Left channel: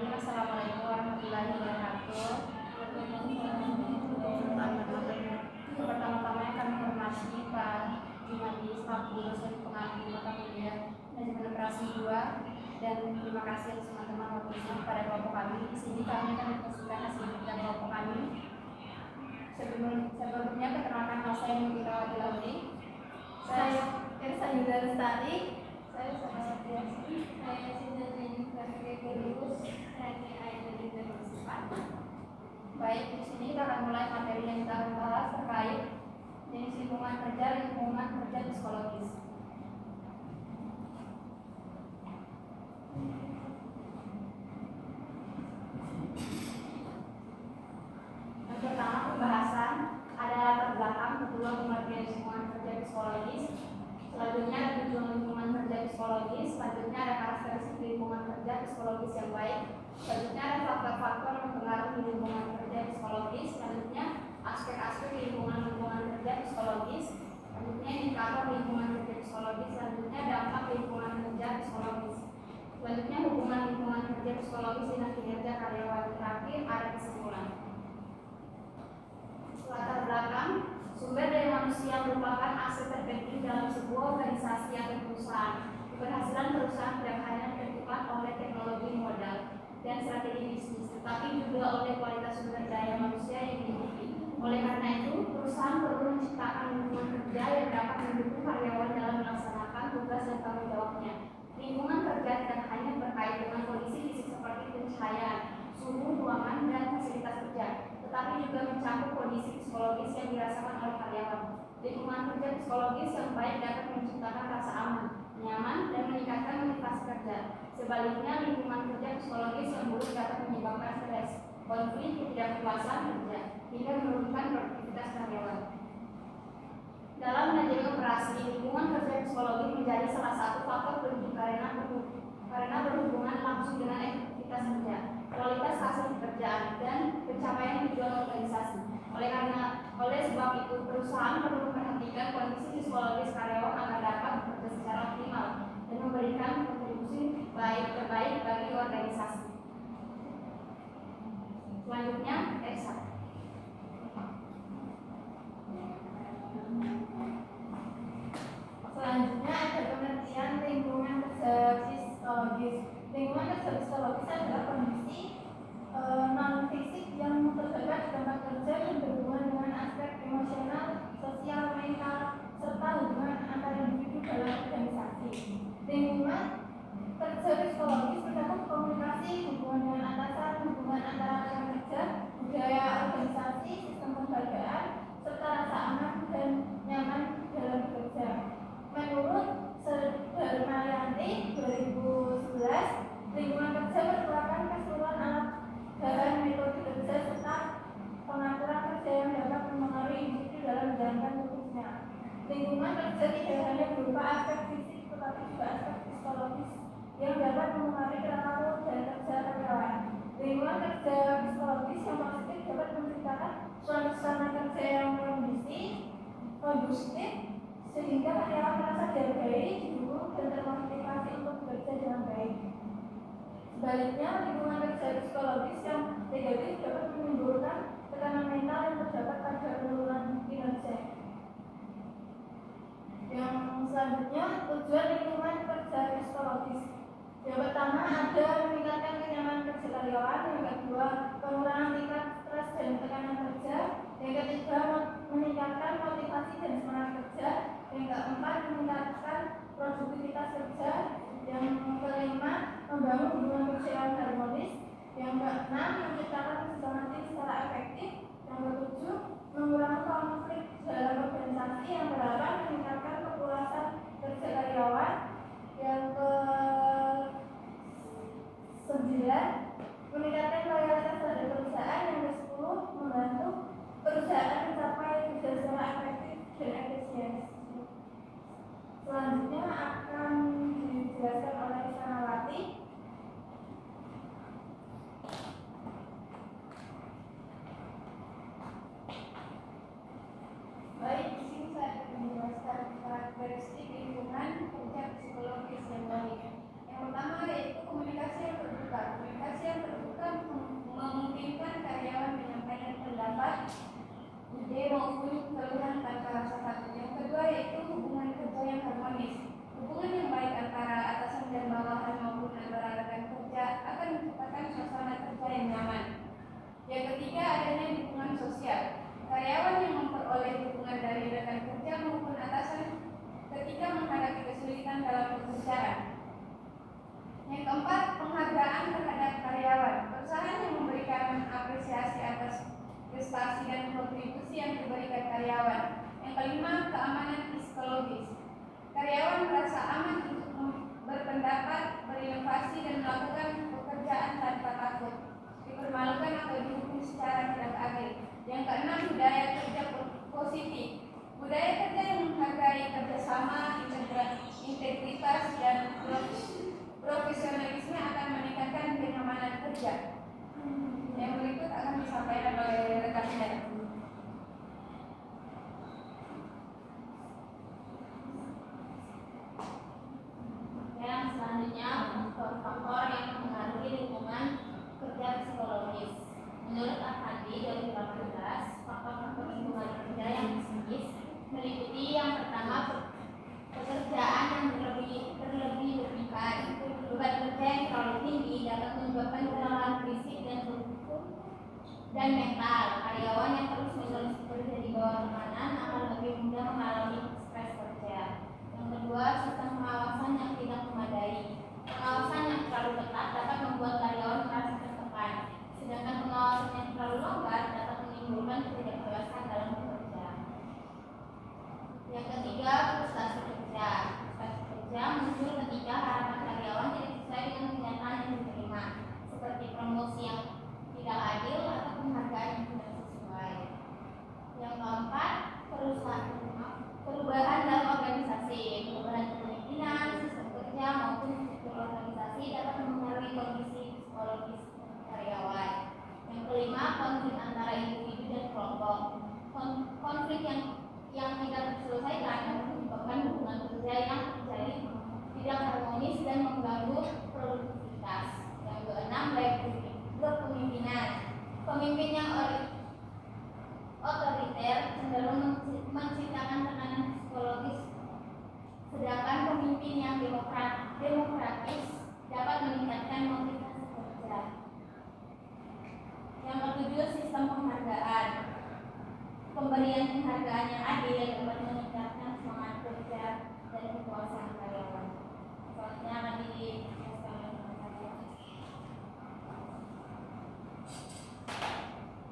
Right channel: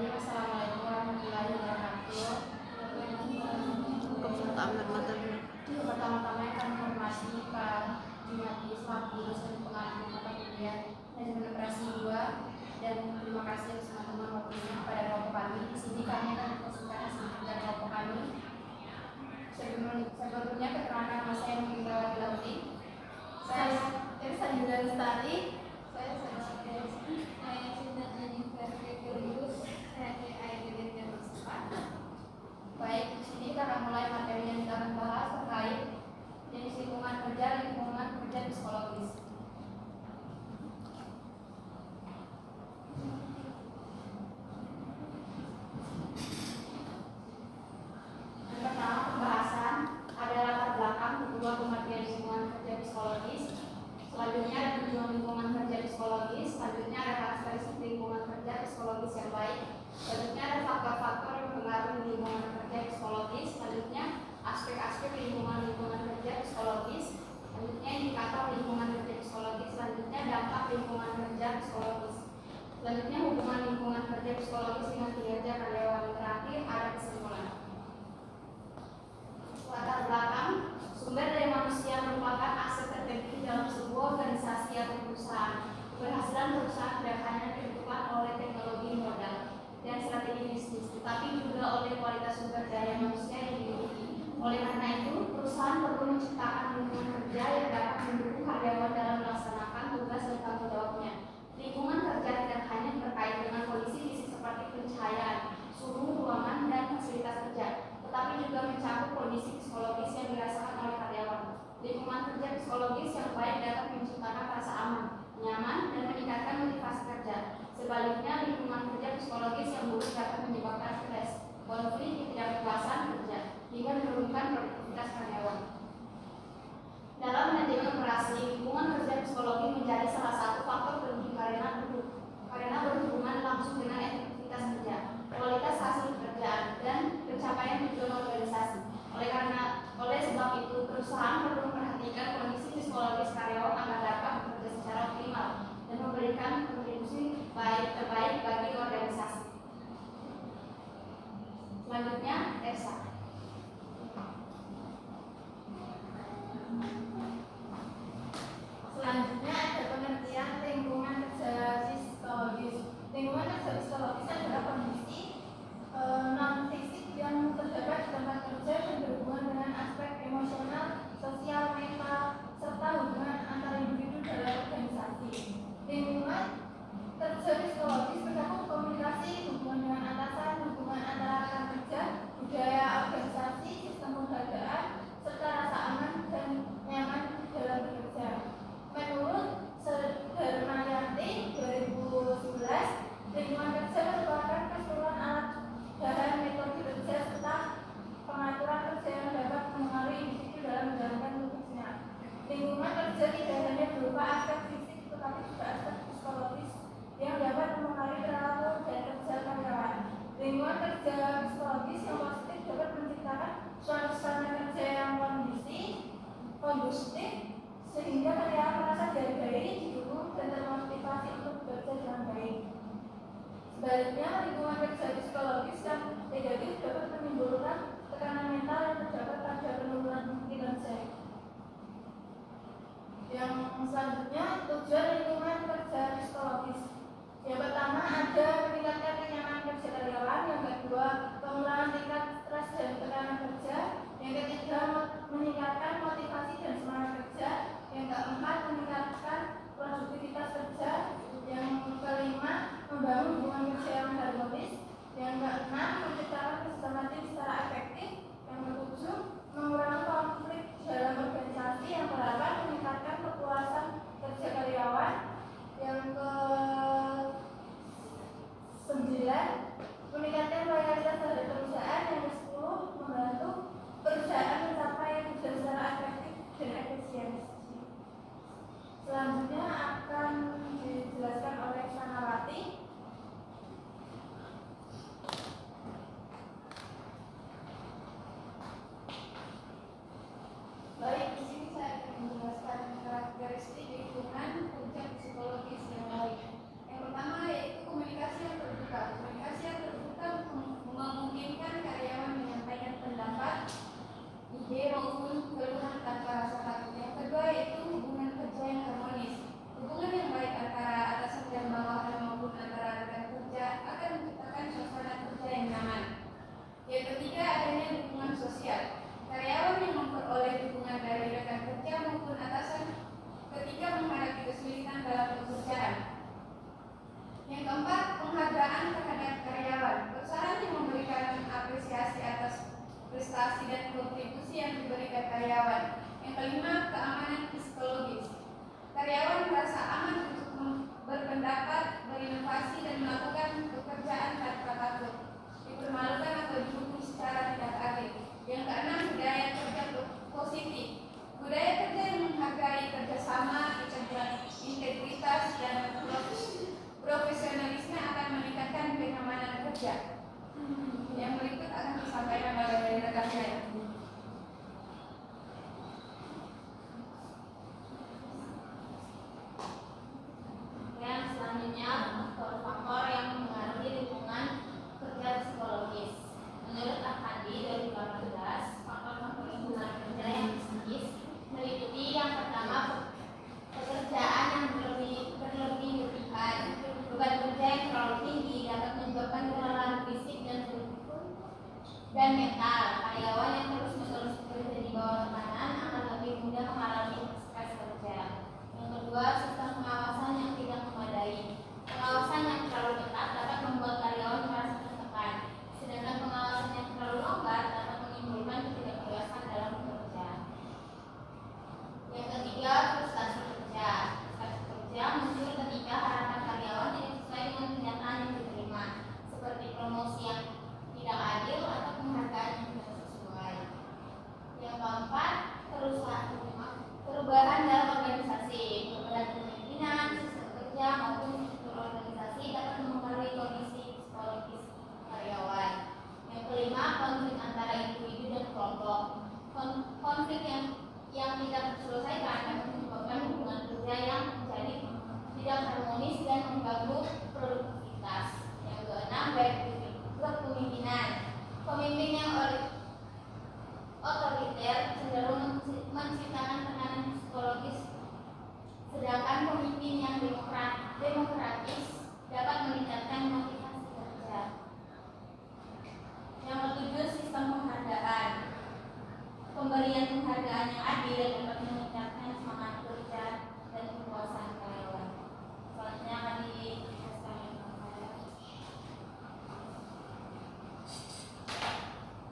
Bismillahirrahmanirrahim. Assalamualaikum warahmatullahi wabarakatuh. Pertama-tama yang kami hormati Pak Jumadi selaku dosen pengampu mata kuliah manajemen operasi 2, dan terima kasih atas teman-teman waktunya pada kelompok kami. Di sini kami akan mempresentasikan hasil kerja kelompok kami. Sebelumnya perkenalkan nama saya Mungkitawati Lauti. Saya Irsanida Lestari. Saya Sanawati Asri. Saya Sinta Jennifer Gregorius. Saya Aidil dan Muslimat. Baik, di sini kita akan mulai materi yang kita akan bahas terkait jenis lingkungan kerja psikologis. Yang pertama, pembahasan ada latar belakang, kedua pengertian lingkungan kerja psikologis, selanjutnya ada tujuan lingkungan kerja psikologis, selanjutnya ada karakteristik lingkungan kerja psikologis yang baik, selanjutnya ada faktor-faktor yang mempengaruhi lingkungan kerja psikologis, selanjutnya aspek-aspek lingkungan kerja psikologis, selanjutnya indikator lingkungan kerja psikologis, selanjutnya dampak lingkungan kerja psikologis, selanjutnya hubungan lingkungan kerja psikologis dengan kinerja karyawan, terakhir ada kesimpulan. Latar belakang, sumber daya manusia merupakan aset terpenting dalam sebuah organisasi atau perusahaan. Keberhasilan perusahaan tidak hanya ditentukan oleh teknologi modal dan strategi bisnis, tetapi juga oleh kualitas sumber daya manusia yang dimiliki. Oleh karena itu, perusahaan perlu menciptakan lingkungan kerja yang dapat mendukung karyawan dalam melaksanakan tugas dan tanggung jawabnya. Lingkungan kerja tidak hanya berkait dengan kondisi fisik seperti pencahayaan, suhu ruangan, dan fasilitas kerja, tetapi juga mencakup kondisi psikologis yang dirasakan oleh karyawan. Lingkungan kerja psikologis yang baik dapat menciptakan rasa aman, nyaman, dan meningkatkan motivasi kerja. Sebaliknya, lingkungan kerja psikologis yang buruk dapat menyebabkan stres, konflik, ketidakpuasan kerja, hingga menurunkan produktivitas karyawan. Dalam manajemen operasi, lingkungan kerja psikologi menjadi salah satu faktor penting karena berhubungan langsung dengan efektivitas kerja, kualitas hasil pekerjaan, dan pencapaian tujuan organisasi. Oleh sebab itu, perusahaan perlu memperhatikan kondisi psikologis karyawan agar dapat bekerja secara optimal dan memberikan kontribusi terbaik bagi organisasi. Selanjutnya, Esa. Selanjutnya ada pengertian lingkungan kerja psikologis. Lingkungan kerja psikologis adalah kondisi non fisik yang terdapat di tempat kerja dan berhubungan dengan aspek emosional, sosial, mental, serta hubungan antar individu dalam organisasi. Lingkungan kerja psikologis mencakup komunikasi, hubungan dengan atasan, hubungan antara rekan kerja, budaya organisasi, sistem penghargaan, serta rasa aman dan nyaman dalam bekerja. Menurut Darmayanti 2011, lingkungan kerja merupakan keseluruhan alat bahan metode kerja serta pengaturan kerja yang dapat mempengaruhi individu dalam menjalankan tugasnya. Lingkungan kerja tidak hanya berupa aspek fisik, tetapi juga aspek psikologis yang dapat mempengaruhi perilaku dan kerja karyawan. Lingkungan kerja psikologis yang positif dapat menciptakan suasana kerja yang kondusif sehingga karyawan merasa dihargai, didukung, dan termotivasi untuk bekerja dengan baik. Sebaliknya, lingkungan kerja psikologis yang negatif dapat menimbulkan tekanan mental yang terdapat pada penurunan kinerja. Yang selanjutnya, tujuan lingkungan kerja psikologis. Yang pertama ada meningkatkan kenyamanan kerja karyawan, yang kedua pengurangan tingkat stres dan tekanan kerja, yang ketiga meningkatkan motivasi dan semangat kerja, yang keempat meningkatkan produktivitas kerja, yang kelima membangun hubungan kerja yang harmonis, yang keenam menciptakan kerjasama tim secara efektif, yang ketujuh mengurangi konflik dalam organisasi, yang ke-8 meningkatkan kepuasan kerja karyawan, yang ke-9 meningkatkan loyalitas terhadap perusahaan, yang ke-10 membantu perusahaan mencapai tujuan secara efektif dan efisiensi. Selanjutnya akan dijelaskan oleh Sanawati. Baik, di sini saya akan menjelaskan Yang keenam, budaya kerja positif. Budaya kerja yang menghargai kerjasama, integritas, dan profesionalisme akan meningkatkan kenyamanan kerja. Yang berikut akan disampaikan oleh rekan saya. Yang selanjutnya, faktor-faktor yang mempengaruhi lingkungan kerja psikologis. Menurut Al-Hadi 2018, faktor-faktor lingkungan kerja yang psikis meliputi yang pertama, pekerjaan yang berlebih-lebihan. Beban kerja yang terlalu tinggi dapat menyebabkan kelelahan fisik dan mental. Karyawan yang terus-menerus bekerja di bawah tekanan akan lebih mudah mengalami stres kerja. Yang kedua, sistem pengawasan yang tidak memadai. Pengawasan yang terlalu ketat dapat membuat karyawan merasa tertekan, sedangkan pengawasan yang terlalu longgar dapat menimbulkan ketidakjelasan dalam bekerja. Yang ketiga, frustasi kerja. Frustasi kerja muncul ketika harapan karyawan tidak sesuai dengan kenyataan yang diterima, seperti promosi yang tidak adil atau penghargaan yang tidak sesuai. Yang keempat, perubahan dalam organisasi. Perubahan kepemimpinan, sistem kerja maupun struktur organisasi dapat mempengaruhi kondisi psikologis karyawan. Yang kelima, konflik antara individu dan kelompok. Konflik yang tidak terselesaikan dapat menyebabkan hubungan kerja yang menjadi tidak harmonis dan mengganggu produktivitas. Yang keenam, kepemimpinan. Pemimpin yang otoriter cenderung menciptakan tekanan psikologis, sedangkan pemimpin yang demokratis dapat meningkatkan motivasi kerja. Yang ketujuh, sistem penghargaan. Pemberian penghargaan yang adil dapat meningkatkan semangat kerja dan kepuasan karyawan. Selanjutnya akan dijelaskan oleh saya.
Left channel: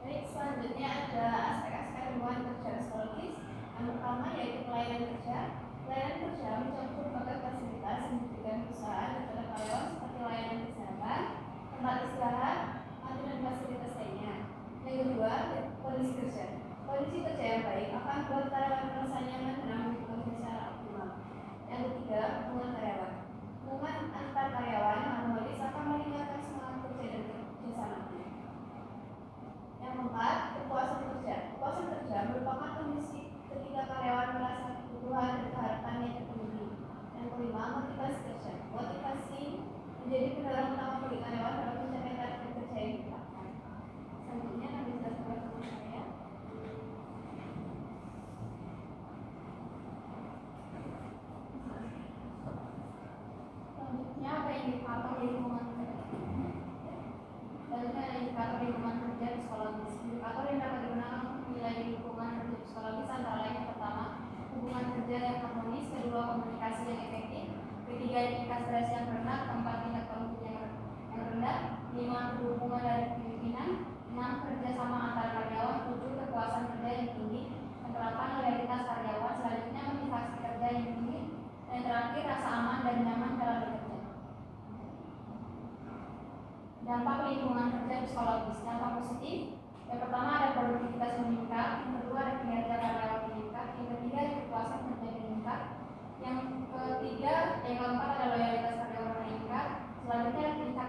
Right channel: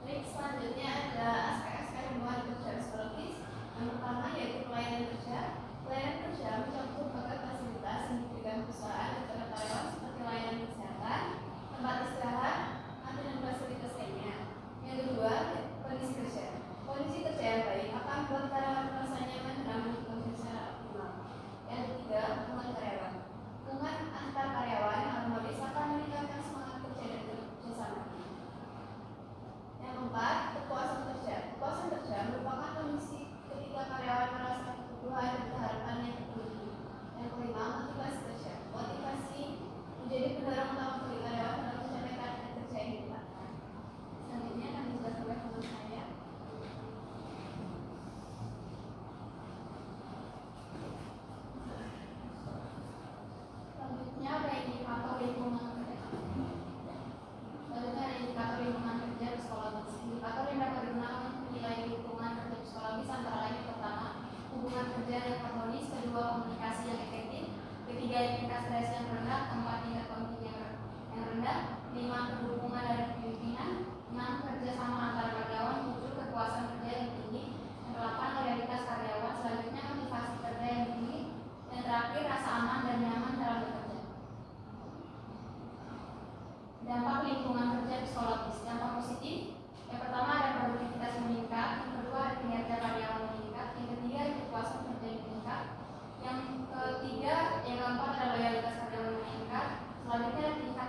Baik, selanjutnya ada aspek-aspek hubungan kerja psikologis. Yang pertama yaitu pelayanan kerja. Pelayanan kerja mencakup berbagai fasilitas yang diberikan perusahaan kepada karyawan seperti layanan kesehatan, tempat istirahat, kantin dan fasilitas lainnya. Yang kedua, kondisi kerja. Kondisi kerja yang baik akan membuat karyawan merasa nyaman dan aman bekerja secara optimal. Yang ketiga, hubungan karyawan. Hubungan antar karyawan yang harmonis akan meningkatkan semangat kerja dan kerjasama. Yang keempat, kepuasan kerja. Kepuasan kerja merupakan kondisi ketika karyawan merasa kebutuhan dan harapannya terpenuhi. Yang kelima, motivasi kerja. Motivasi menjadi pendorong utama bagi karyawan dalam mencapai target kerja yang ditetapkan. Selanjutnya akan dijelaskan oleh teman saya. Selanjutnya ada indikator lingkungan kerja. Selanjutnya ada indikator lingkungan kerja psikologis. Indikator yang dapat digunakan menilai lingkungan kerja psikologis antara lain yang pertama, hubungan kerja yang harmonis, kedua, komunikasi yang efektif, ketiga, tingkat stres yang rendah, keempat, tingkat konflik yang rendah, lima, hubungan dari pimpinan, enam, kerjasama antar karyawan, tujuh, kepuasan kerja yang tinggi, yang delapan, loyalitas karyawan, selanjutnya motivasi kerja yang tinggi, dan terakhir, rasa aman dan nyaman dalam bekerja. Dampak lingkungan kerja psikologis. Dampak positif, yang pertama ada produktivitas meningkat, yang kedua ada kinerja karyawan meningkat, yang ketiga ada kepuasan kerja meningkat, yang keempat ada loyalitas karyawan meningkat, selanjutnya ada tingkat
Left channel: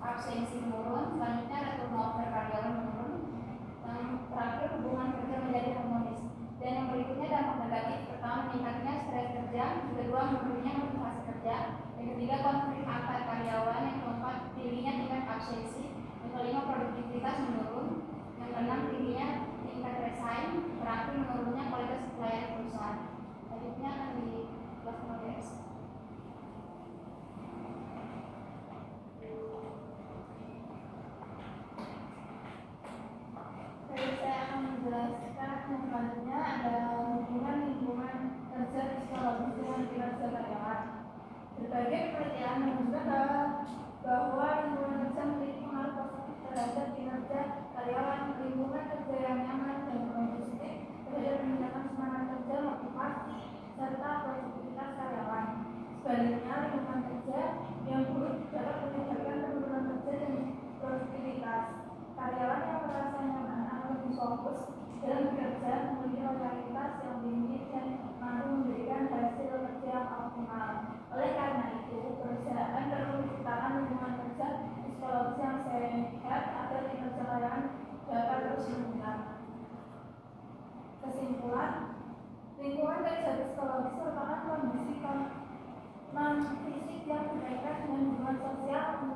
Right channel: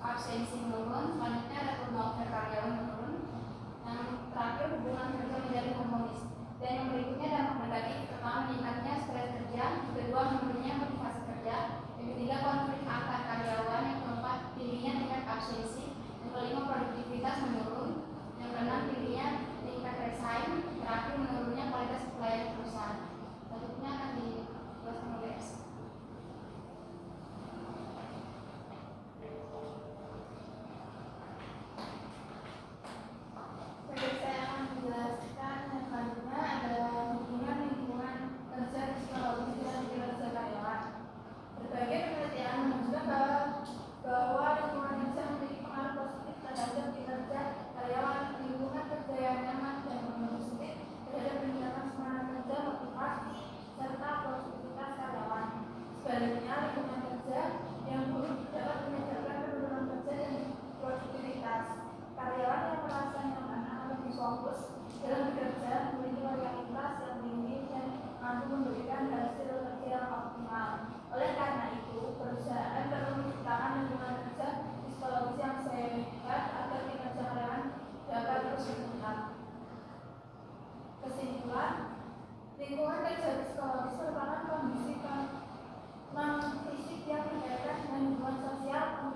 absensi menurun, selanjutnya ada turnover karyawan menurun, yang terakhir hubungan kerja menjadi harmonis. Dan yang berikutnya dampak negatif, pertama meningkatnya stres kerja, yang kedua menurunnya motivasi kerja, yang ketiga konflik antar karyawan, yang keempat tingginya tingkat absensi, yang kelima produktivitas menurun, yang keenam tingginya tingkat resign, terakhir menurunnya kualitas pelayanan perusahaan. Selanjutnya akan dijelaskan oleh Ersa. Baik, saya akan menjelaskan yang selanjutnya ada hubungan lingkungan kerja psikologis dengan kinerja karyawan. Berbagai penelitian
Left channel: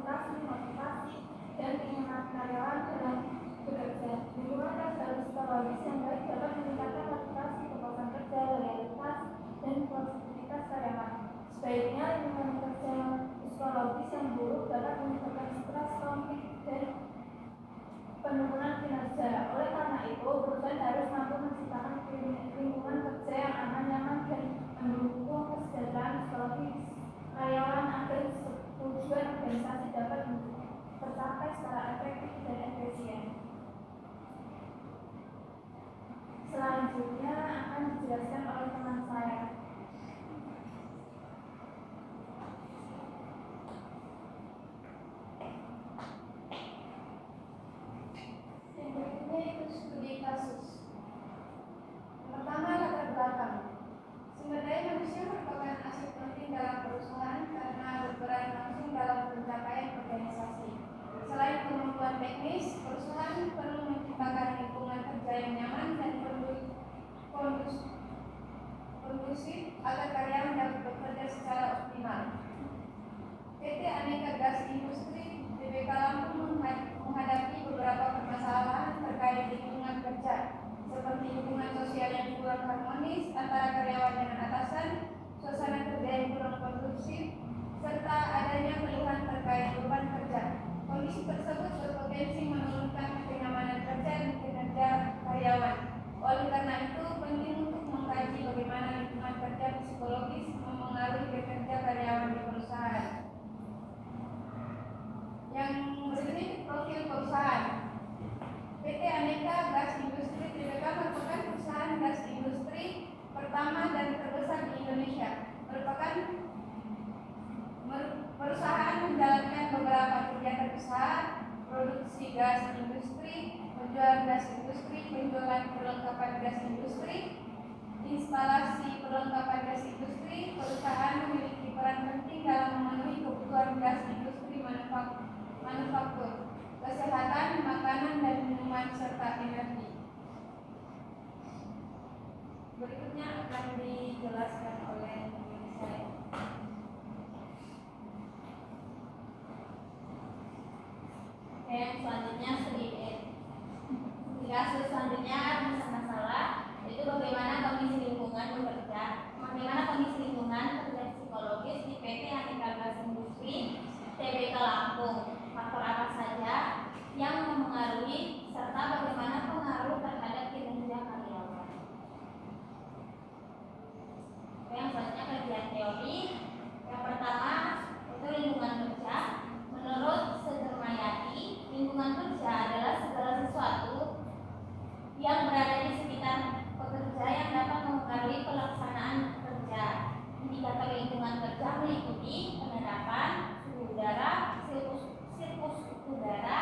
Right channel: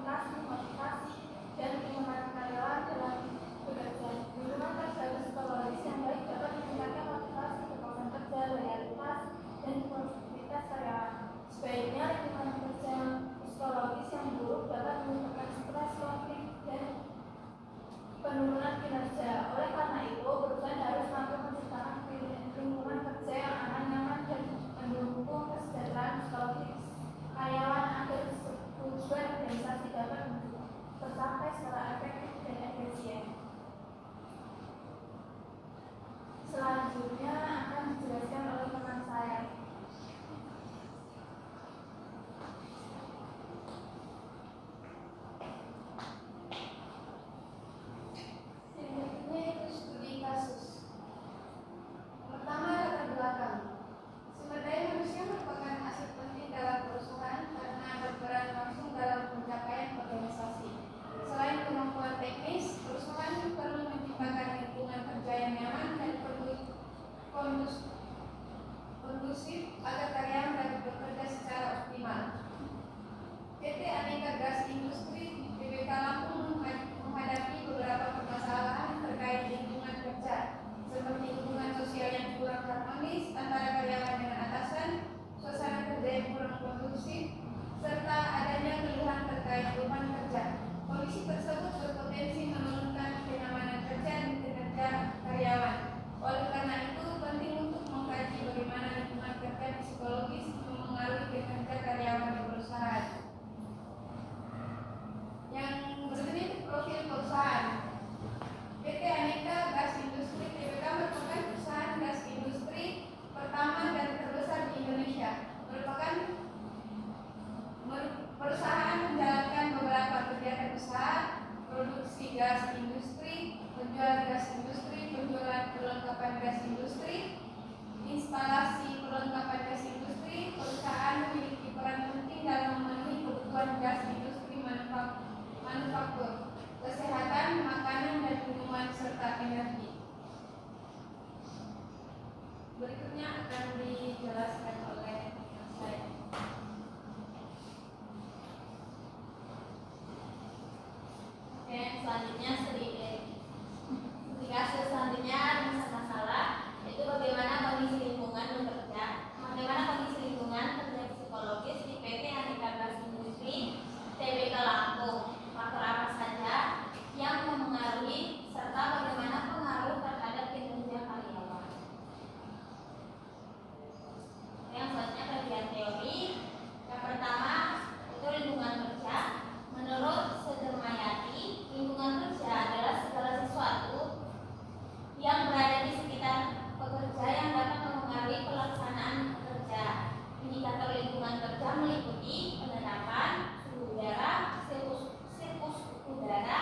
motivasi, dan keinginan karyawan dalam bekerja. Lingkungan kerja psikologis yang baik dapat meningkatkan motivasi, kepuasan kerja, loyalitas, dan produktivitas karyawan. Sebaiknya lingkungan kerja psikologis yang buruk dapat menyebabkan stres, konflik, dan penurunan kinerja. Oleh karena itu, perusahaan harus mampu menciptakan lingkungan kerja yang aman, nyaman, dan mendukung kesejahteraan psikologis karyawan agar tujuan organisasi dapat tercapai secara efektif dan efisien. Selanjutnya akan dijelaskan oleh teman saya. Yang berikutnya itu studi kasus. Pertama, latar belakang. Sumber daya manusia merupakan aset penting dalam perusahaan karena berperan langsung dalam pencapaian organisasi. Selain kemampuan teknis, perusahaan perlu menciptakan lingkungan kerja yang nyaman dan kondusif agar karyawan dapat bekerja secara optimal. PT Aneka Gas Industri TBK Lampung menghadapi beberapa permasalahan terkait lingkungan kerja, seperti hubungan sosial yang kurang harmonis antara karyawan dengan atasan, suasana kerja yang kurang kondusif, serta adanya keluhan terkait beban kerja. Kondisi tersebut berpotensi menurunkan kenyamanan kerja dan kinerja karyawan. Oleh karena itu, penting untuk mengkaji bagaimana lingkungan kerja psikologis memengaruhi kinerja karyawan di perusahaan. Yang berikutnya itu profil perusahaan. PT Aneka Gas Industri TBK merupakan perusahaan gas industri pertama dan terbesar di Indonesia. Merupakan perusahaan menjalankan beberapa kegiatan usaha, produksi gas industri, penjualan gas industri, penjualan perlengkapan gas industri, instalasi perlengkapan gas industri. Perusahaan memiliki peran penting dalam memenuhi kebutuhan gas industri manufaktur, kesehatan, makanan dan minuman, serta energi. Berikutnya akan dijelaskan oleh teman saya. Oke, selanjutnya studi kasus selanjutnya adalah masalah, yaitu bagaimana kondisi lingkungan bekerja, bagaimana kondisi lingkungan kerja psikologis di PT Aneka Gas Industri TBK Lampung. Faktor apa saja yang memengaruhi serta bagaimana pengaruh terhadap kinerja karyawan. Yang selanjutnya kajian teori. Yang pertama itu lingkungan kerja. Menurut Sudermayati, lingkungan kerja adalah segala sesuatu yang berada di sekitar pekerja yang dapat mempengaruhi pelaksanaan kerja. Indikator lingkungan kerja meliputi penerapan suhu udara, sirkus udara,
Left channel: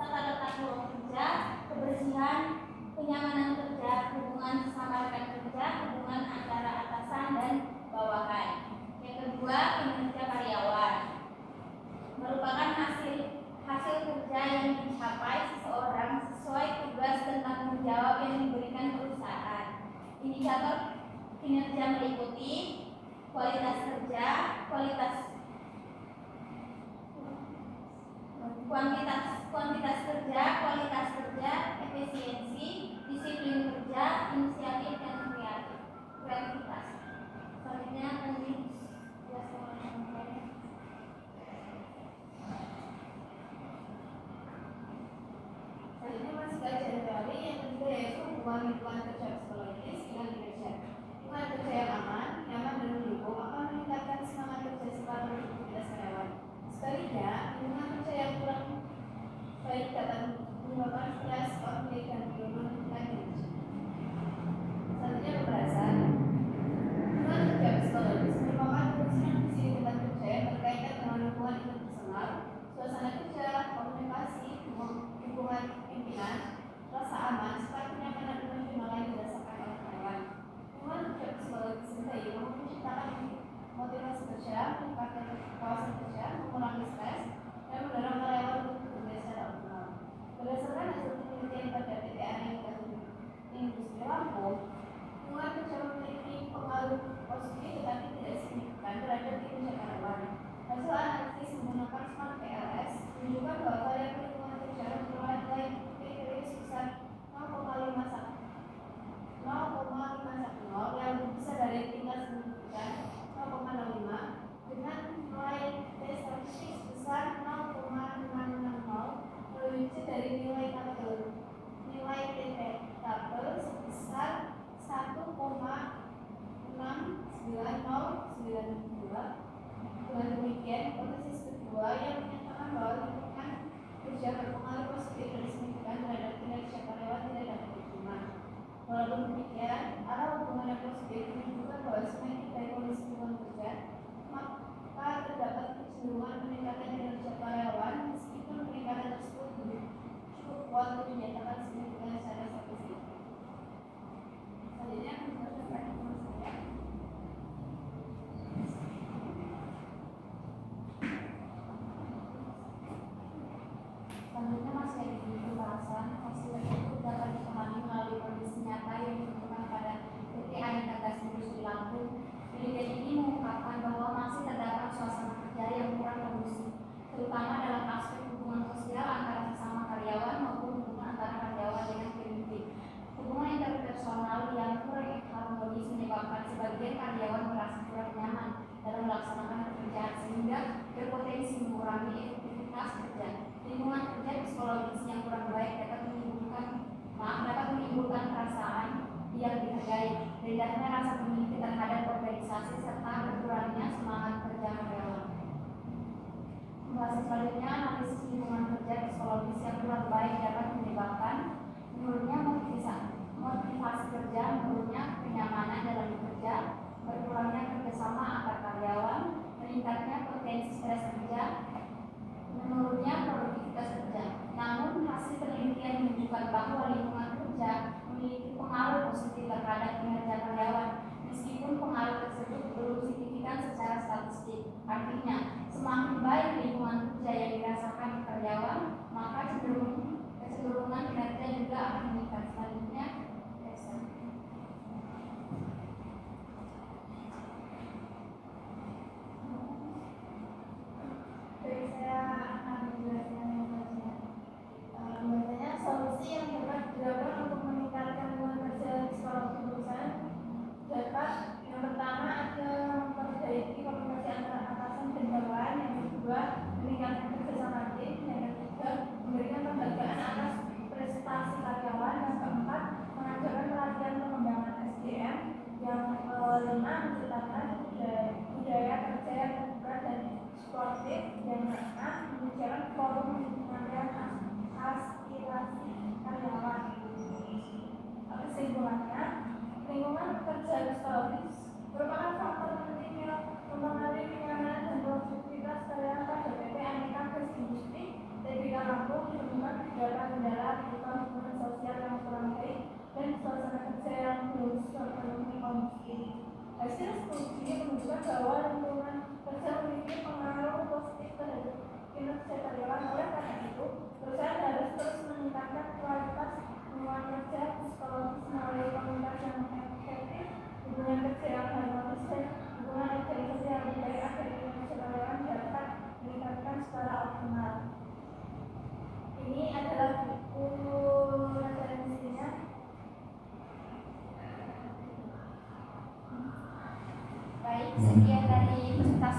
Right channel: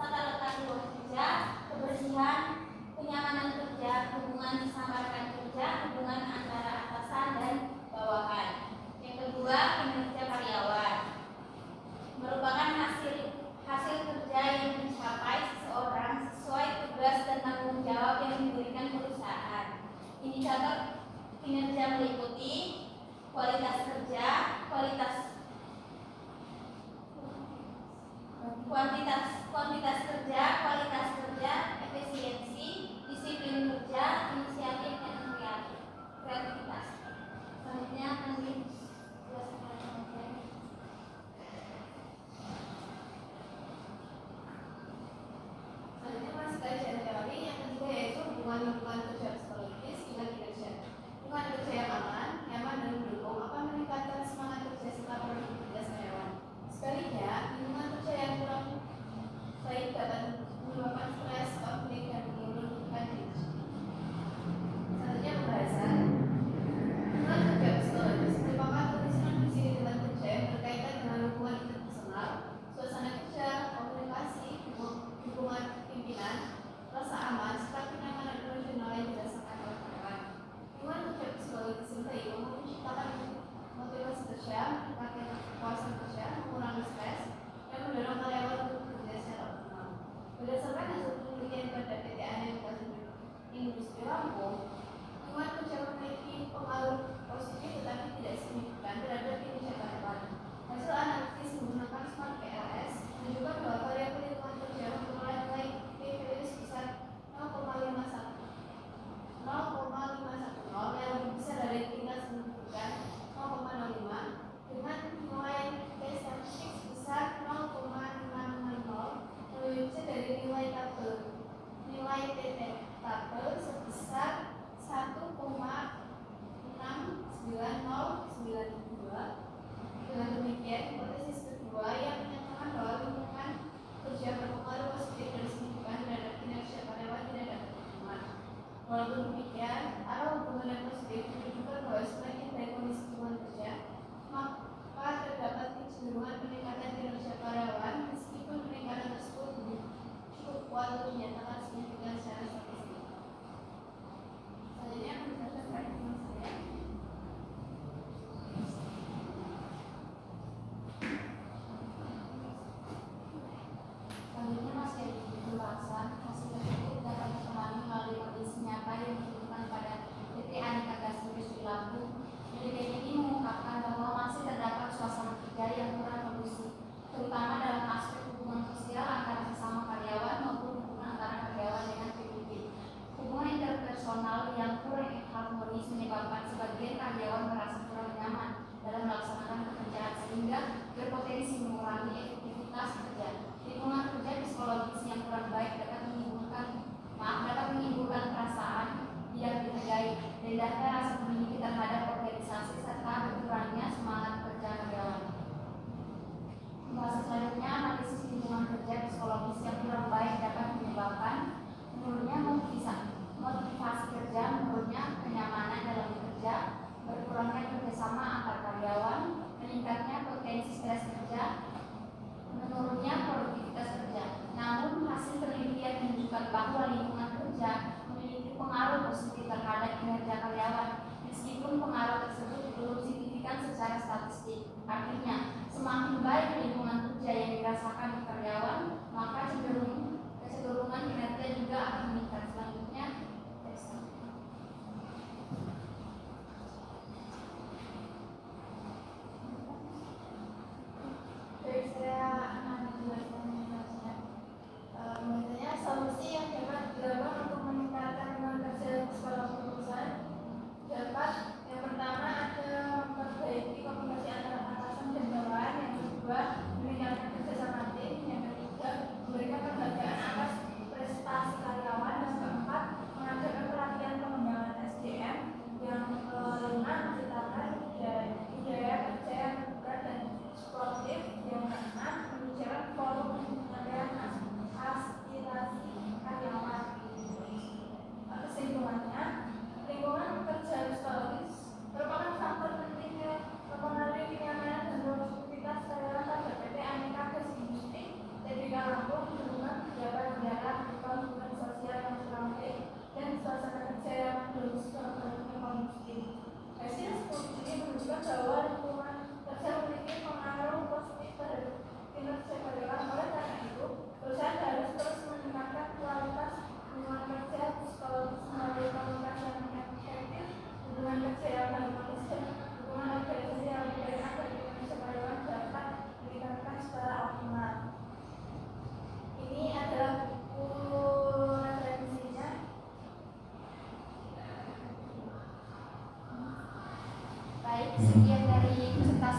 tata letak ruang kerja, kebersihan, kenyamanan kerja, hubungan sesama rekan kerja, hubungan antara atasan dan bawahan. Yang kedua, kinerja karyawan merupakan hasil kerja yang dicapai seseorang sesuai tugas dan tanggung jawab yang diberikan perusahaan. Indikator kinerja meliputi kualitas kerja, kuantitas kerja, efisiensi, disiplin kerja, inisiatif dan kreativitas. Selanjutnya akan dijelaskan oleh teman saya. Selanjutnya masih kajian teori. Yang ketiga yaitu hubungan lingkungan kerja psikologis dengan kinerja. Lingkungan kerja yang aman, nyaman dan mendukung akan meningkatkan semangat kerja serta produktivitas karyawan. Sebaliknya, lingkungan kerja yang kurang baik dapat menyebabkan stres, konflik, dan menurunkan kinerja. bahwa variabel lingkungan kerja memperoleh nilai PPW sebesar 0,510 yang lebih besar dari tingkat signifikan 0,05 dengan nilai P statistik sebesar 0,660 lebih besar dari nilai tabel sebesar 1,69092. Dengan demikian, hipotesis kedua yang menyatakan bahwa lingkungan kerja berpengaruh positif dan signifikan terhadap kinerja karyawan tidak dapat diterima. Walaupun demikian, arah hubungan yang positif menunjukkan bahwa semakin baik kondisi lingkungan kerja, maka terdapat kecenderungan peningkatan kinerja karyawan meskipun peningkatan tersebut cukup kuat untuk dinyatakan signifikan secara statistik. Selanjutnya menjelaskan perhitungan saya. Selanjutnya masih ada pembahasan hasil tersebut dapat dipahami melalui kondisi nyata yang ditentukan pada PT Aneka Gas Industri Lampung. Penelitian ini mengungkapkan bahwa masih terdapat suasana kerja yang kurang kondusif, terutama dalam aspek hubungan sosial antara sesama karyawan maupun hubungan antara karyawan dengan pemimpin. Hubungan interpersonal yang kurang harmonis menyebabkan sebagian karyawan merasa kurang nyaman dalam melaksanakan pekerjaan sehingga berpotensi mengurangi efektivitas kerja. Lingkungan kerja psikologis yang kurang baik dapat menimbulkan perasaan tidak dihargai, rendahnya rasa memiliki terhadap organisasi serta berkurangnya semangat kerja karyawan. Pembahasan selanjutnya, analisis lingkungan kerja psikologis yang kurang baik dapat menyebabkan menurunnya motivasi kerja, menurunnya kenyamanan dalam bekerja, berkurangnya kerjasama antar karyawan, meningkatnya potensi stres kerja, menurunnya produktivitas kerja. Namun, hasil penelitian menunjukkan bahwa lingkungan kerja memiliki pengaruh positif terhadap kinerja karyawan, meskipun pengaruh tersebut belum signifikan secara statistik. Artinya, semakin baik lingkungan kerja yang dirasakan karyawan, maka kecenderungan kinerja juga akan meningkat. Selanjutnya, Biasanya solusi yang dapat dilakukan untuk meningkatkan lingkungan kerja psikologi perusahaan dapat yang pertama ada memperbaiki komunikasi antara atasan dan bawahan, yang kedua meningkatkan kerjasama tim, yang ketiga memberikan penghargaan atas prestasi karyawan, dan keempat mengadakan pelatihan pengembangan SDM, yang kelima menciptakan budaya kerja yang terbuka dan sportif, yang keenam menyediakan forum penyampaian aspirasi karyawan. Kesimpulannya, lingkungan kerja psikologis merupakan faktor penting yang mempengaruhi kenyamanan dan produktivitas karyawan pada PT Aneka Gas Industri Tbk Lampung, menemukan beberapa kendala berupa hubungan sosial yang kurang baik dan suasana kerja yang belum sepenuhnya kondusif. Hasil studi menunjukkan bahwa lingkungan kerja memiliki pengaruh positif terhadap kinerja karyawan. Oleh karena itu, perusahaan harus terus meningkatkan kualitas lingkungan kerja psikologis melalui komunikasi yang efektif, hubungan kerja yang harmonis, dan hubungan organisasi yang lebih baik agar kinerja karyawan dapat meningkatkan secara optimal. Ini adalah buku referensinya. baik, sekian dari presentasi